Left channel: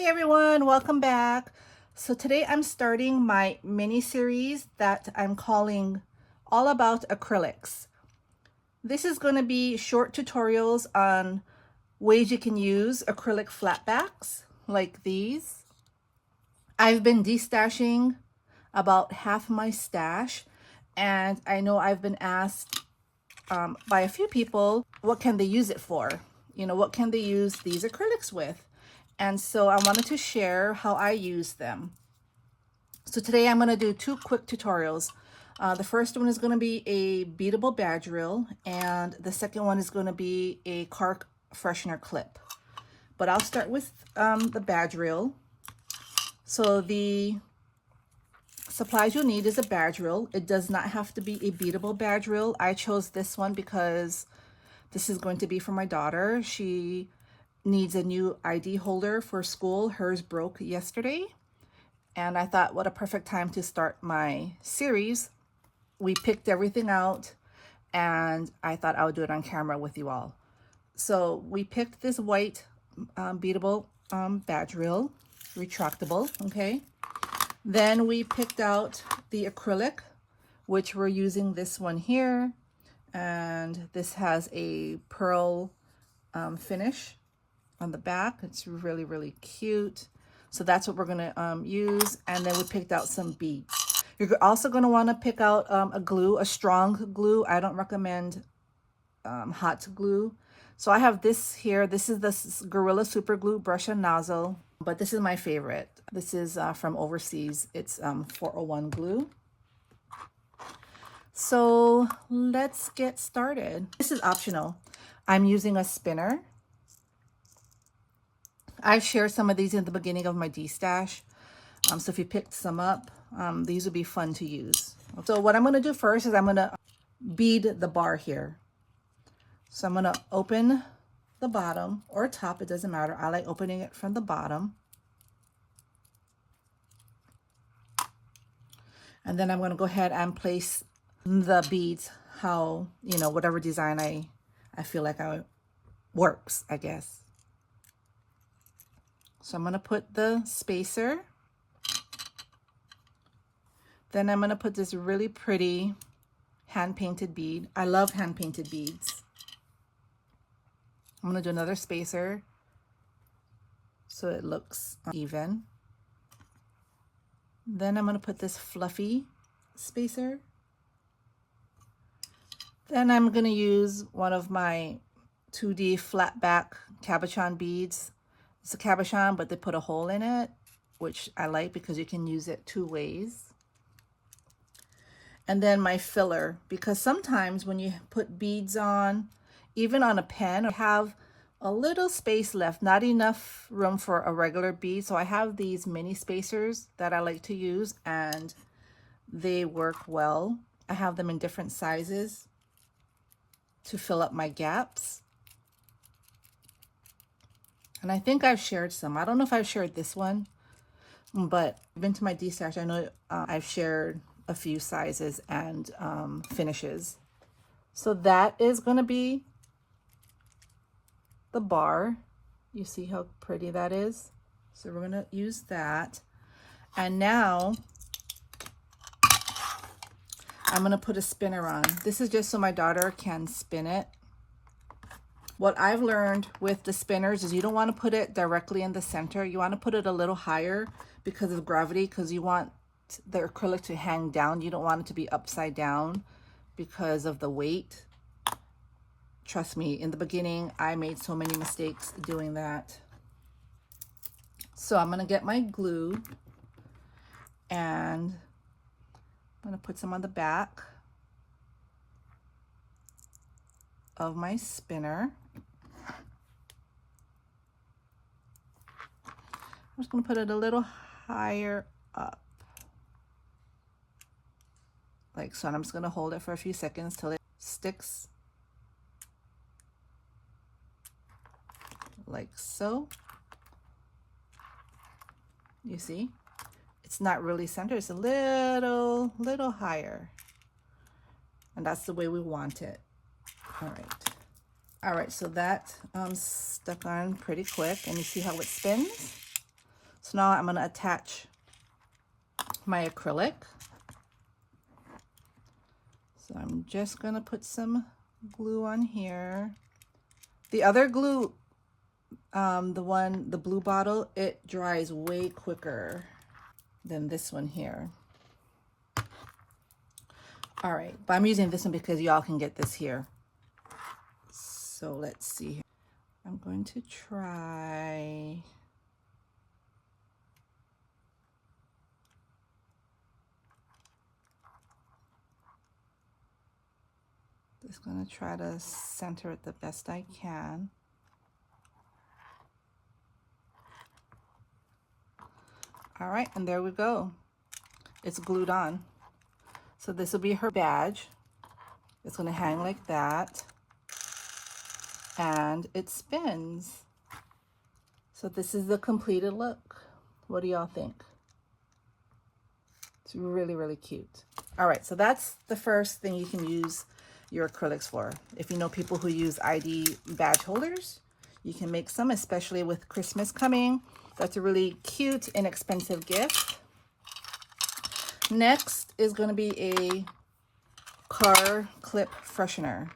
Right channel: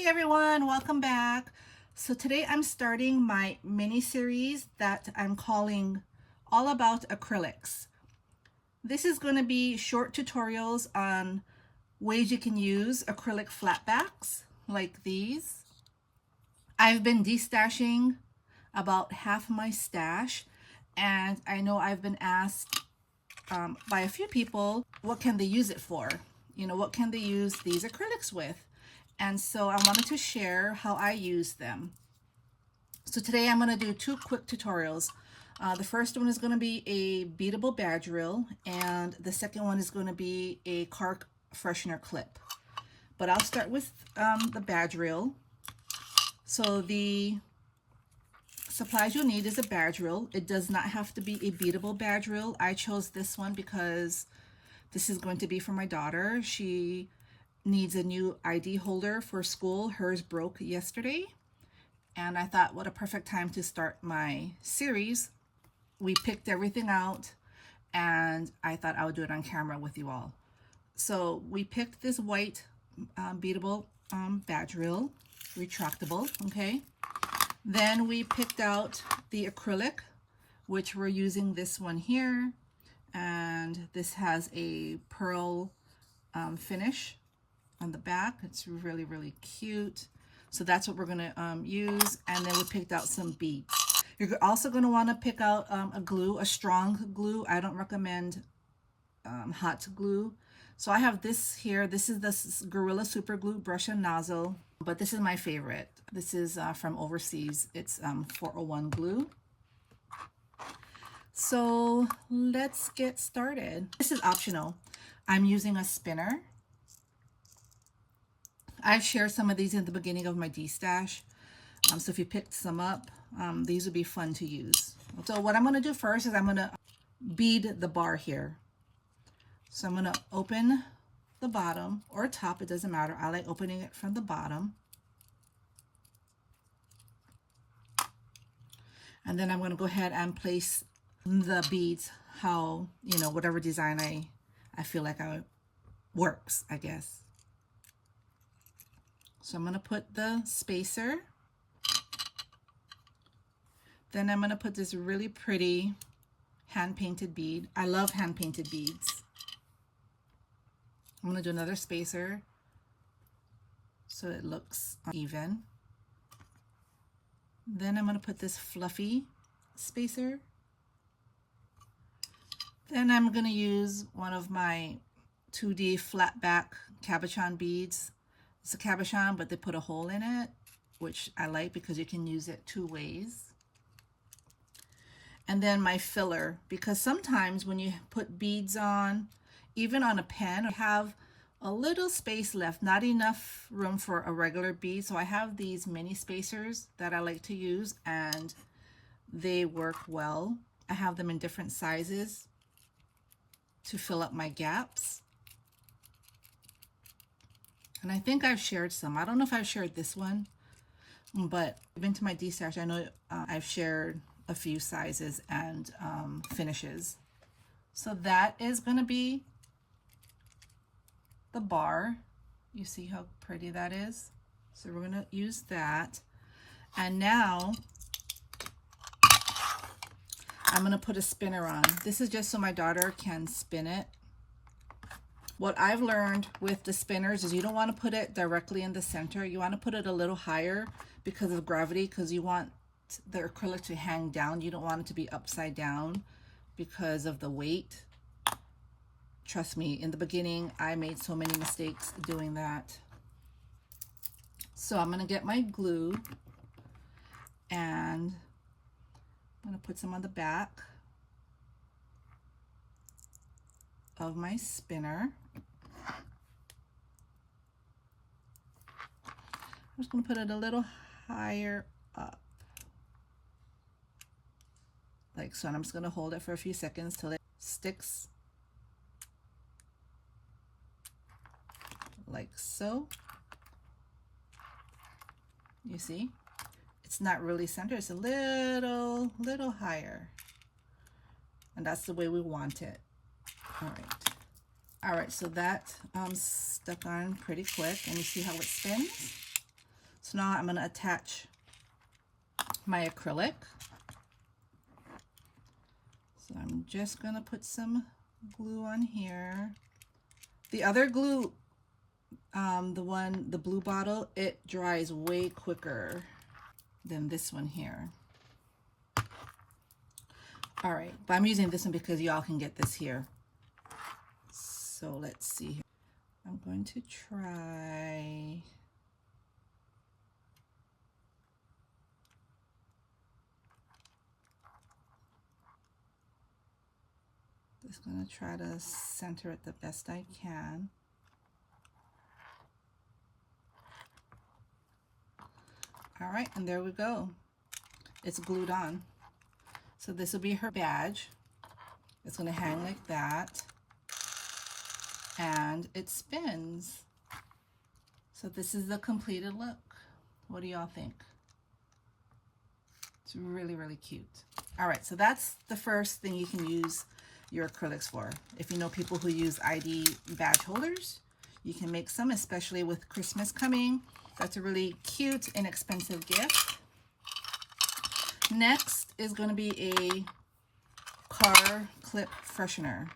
Hi everyone, welcome back. So today I'm starting my mini series that I'm calling All About Acrylics. This is going to be short tutorials on ways you can use acrylic flatbacks like these. I've been destashing about half my stash, and I know I've been asked by a few people, what can they use it for? You know, what can they use these acrylics with? And so I wanted to share how I use them. So today I'm going to do two quick tutorials. The first one is going to be a beadable badge reel, and the second one is going to be a car freshener clip. But I'll start with the badge reel. So the supplies you'll need is a badge reel. It does not have to be a beadable badge reel. I chose this one because this is going to be for my daughter. She needs a new ID holder for school. Hers broke yesterday, and I thought, what a perfect time to start my series. We picked everything out, and I thought I would do it on camera with you all. So we picked this white beadable badge reel, retractable, okay? Then we picked out the acrylic, which we're using this one here, and this has a pearl finish on the back. It's really, really cute. So that's what we're going to use. And then we picked out some beads. You're also going to want to pick out a glue, a strong glue. I don't recommend hot glue. So I have this here. This is the Gorilla Super Glue brush and nozzle, but this is my favorite. This is from overseas. It's 401 glue. So let's get started. This is optional. I'm using a spinner. I've shared some of these in the beginning of my D-stash. So if you picked some up, these would be fun to use. So what I'm going to do first is I'm going to bead the bar here. So I'm going to open the bottom or top, it doesn't matter. I like opening it from the bottom. And then I'm going to go ahead and place the beads how, you know, whatever design I feel like works, I guess. So I'm going to put the spacer. Then I'm going to put this really pretty hand-painted bead. I love hand-painted beads. I'm going to do another spacer so it looks even. Then I'm going to put this fluffy spacer. Then I'm going to use one of my 2D flat back cabochon beads. It's a cabochon, but they put a hole in it, which I like because you can use it two ways. And then my filler, because sometimes when you put beads on, even on a pen, I have a little space left, not enough room for a regular bead. So I have these mini spacers that I like to use, and they work well. I have them in different sizes to fill up my gaps. And I think I've shared some. I don't know if I've shared this one, but I've been to my D-stash. I know I've shared a few sizes and finishes. So that is going to be the bar. You see how pretty that is? So we're going to use that. And now I'm going to put a spinner on. This is just so my daughter can spin it. What I've learned with the spinners is you don't want to put it directly in the center. You want to put it a little higher because of gravity, because you want the acrylic to hang down. You don't want it to be upside down because of the weight. Trust me, in the beginning, I made so many mistakes doing that. So I'm going to get my glue, and I'm going to put some on the back of my spinner. I'm just going to put it a little higher up, like so, and I'm just going to hold it for a few seconds till it sticks, like so. You see, it's not really centered, it's a little higher, and that's the way we want it. All right, so that stuck on pretty quick, and you see how it spins? So now I'm going to attach my acrylic. So I'm just going to put some glue on here. The other glue, the blue bottle, it dries way quicker than this one here. All right, but I'm using this one because y'all can get this here. So let's see. I'm going to try. Just gonna try to center it the best I can. All right, and there we go. It's glued on. So this will be her badge. It's gonna hang like that. And it spins. So this is the completed look. What do y'all think? It's really, really cute. All right, so that's the first thing you can use your acrylics for. If you know people who use ID badge holders, you can make some, especially with Christmas coming. That's a really cute, inexpensive gift. Next is going to be a car clip freshener.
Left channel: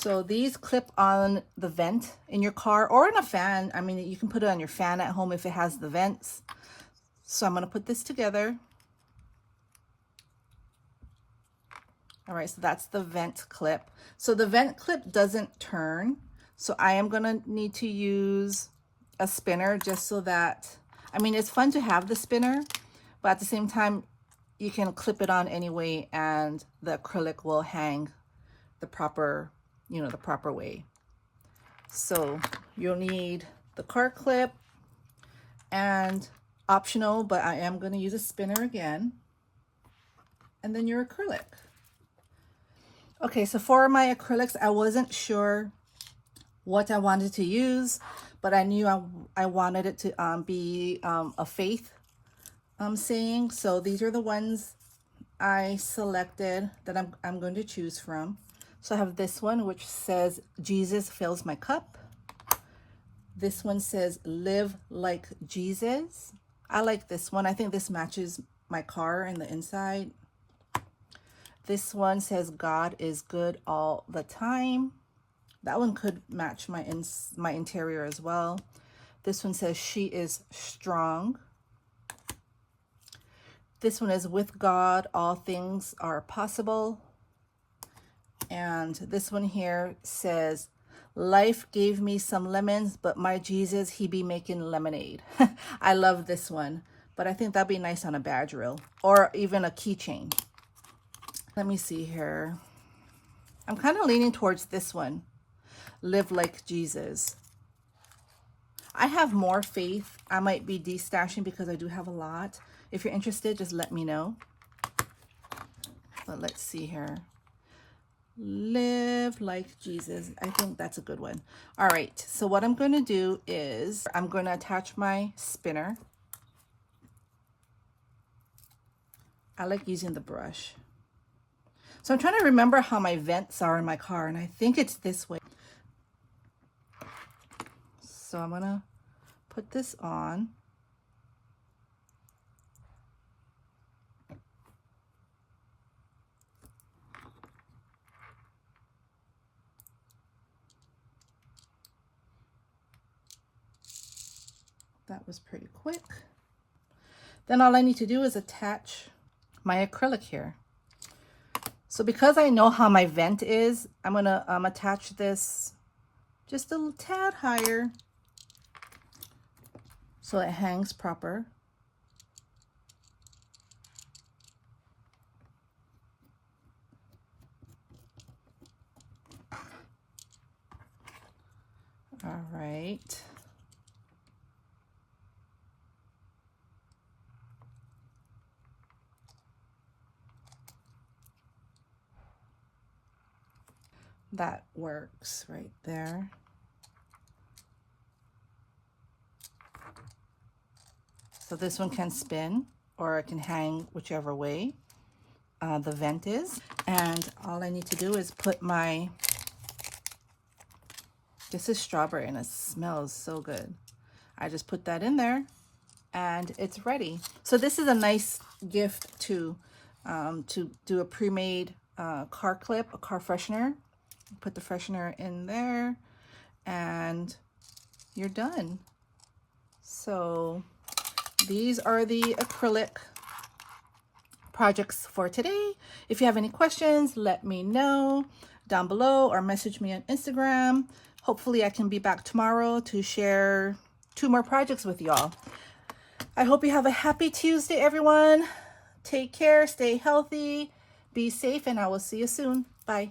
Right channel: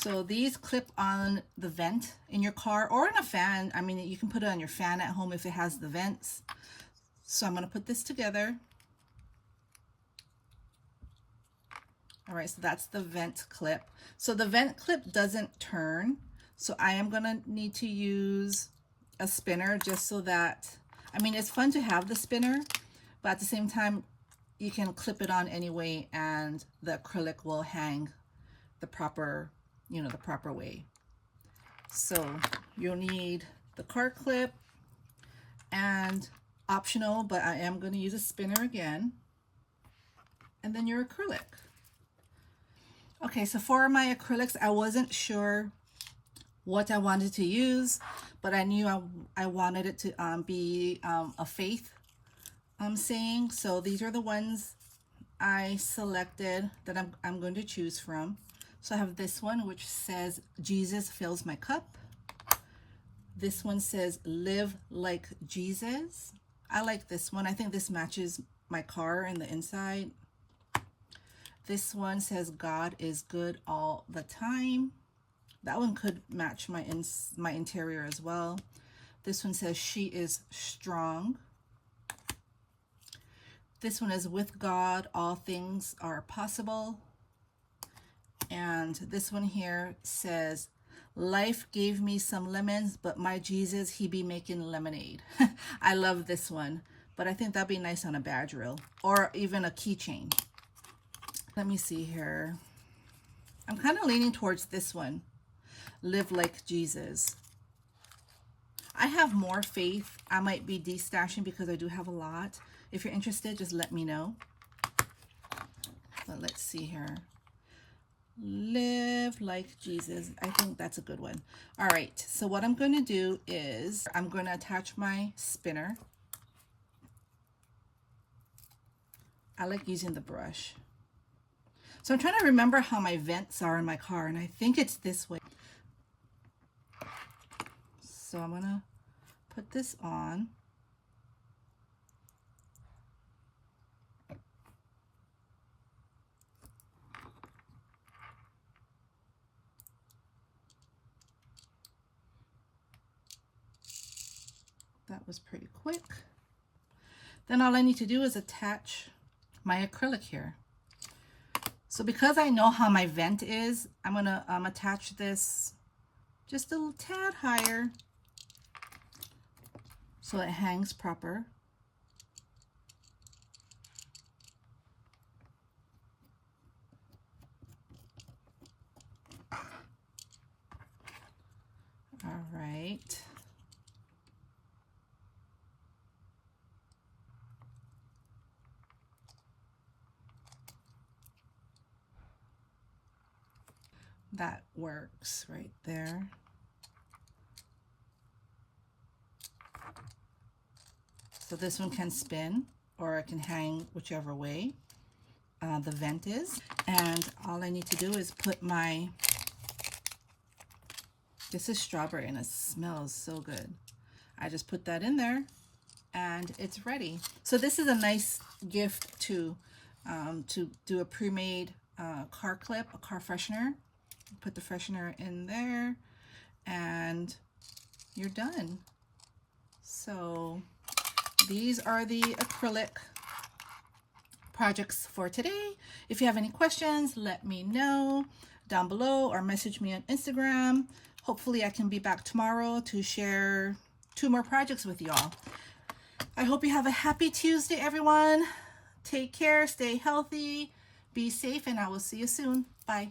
So these clip on the vent in your car or in a fan. I mean, you can put it on your fan at home if it has the vents. So I'm going to put this together. All right, so that's the vent clip. So the vent clip doesn't turn. So I am going to need to use a spinner just so that, I mean, it's fun to have the spinner, but at the same time, you can clip it on anyway and the acrylic will hang the proper, you know, the proper way. So you'll need the car clip and optional, but I am going to use a spinner again. And then your acrylic. Okay, so for my acrylics, I wasn't sure what I wanted to use, but I knew I wanted it to be a faith saying. So these are the ones I selected that I'm going to choose from. So I have this one, which says, Jesus fills my cup. This one says, live like Jesus. I like this one. I think this matches my car and the inside. This one says, God is good all the time. That one could match my interior as well. This one says, she is strong. This one is, with God, all things are possible. And this one here says, life gave me some lemons, but my Jesus, he be making lemonade. I love this one, but I think that'd be nice on a badge reel or even a keychain. Let me see here. I'm kind of leaning towards this one. Live like Jesus. I have more faith. I might be destashing because I do have a lot. If you're interested, just let me know. But let's see here. Live like Jesus. I think that's a good one. All right. So what I'm going to do is I'm going to attach my spinner. I like using the brush. So I'm trying to remember how my vents are in my car, and I think it's this way. So I'm going to put this on. That was pretty quick. Then all I need to do is attach my acrylic here. So because I know how my vent is, I'm going to attach this just a little tad higher so it hangs proper. All right. That works right there. So this one can spin or it can hang whichever way the vent is. And all I need to do is put my, this is strawberry and it smells so good. I just put that in there and it's ready. So this is a nice gift to do a pre-made car clip, a car freshener. Put the freshener in there and you're done. So these are the acrylic projects for today. If you have any questions, let me know down below or message me on Instagram. Hopefully I can be back tomorrow to share 2 more projects with y'all. I hope you have a happy Tuesday, everyone. Take care, stay healthy, be safe, and I will see you soon. Bye.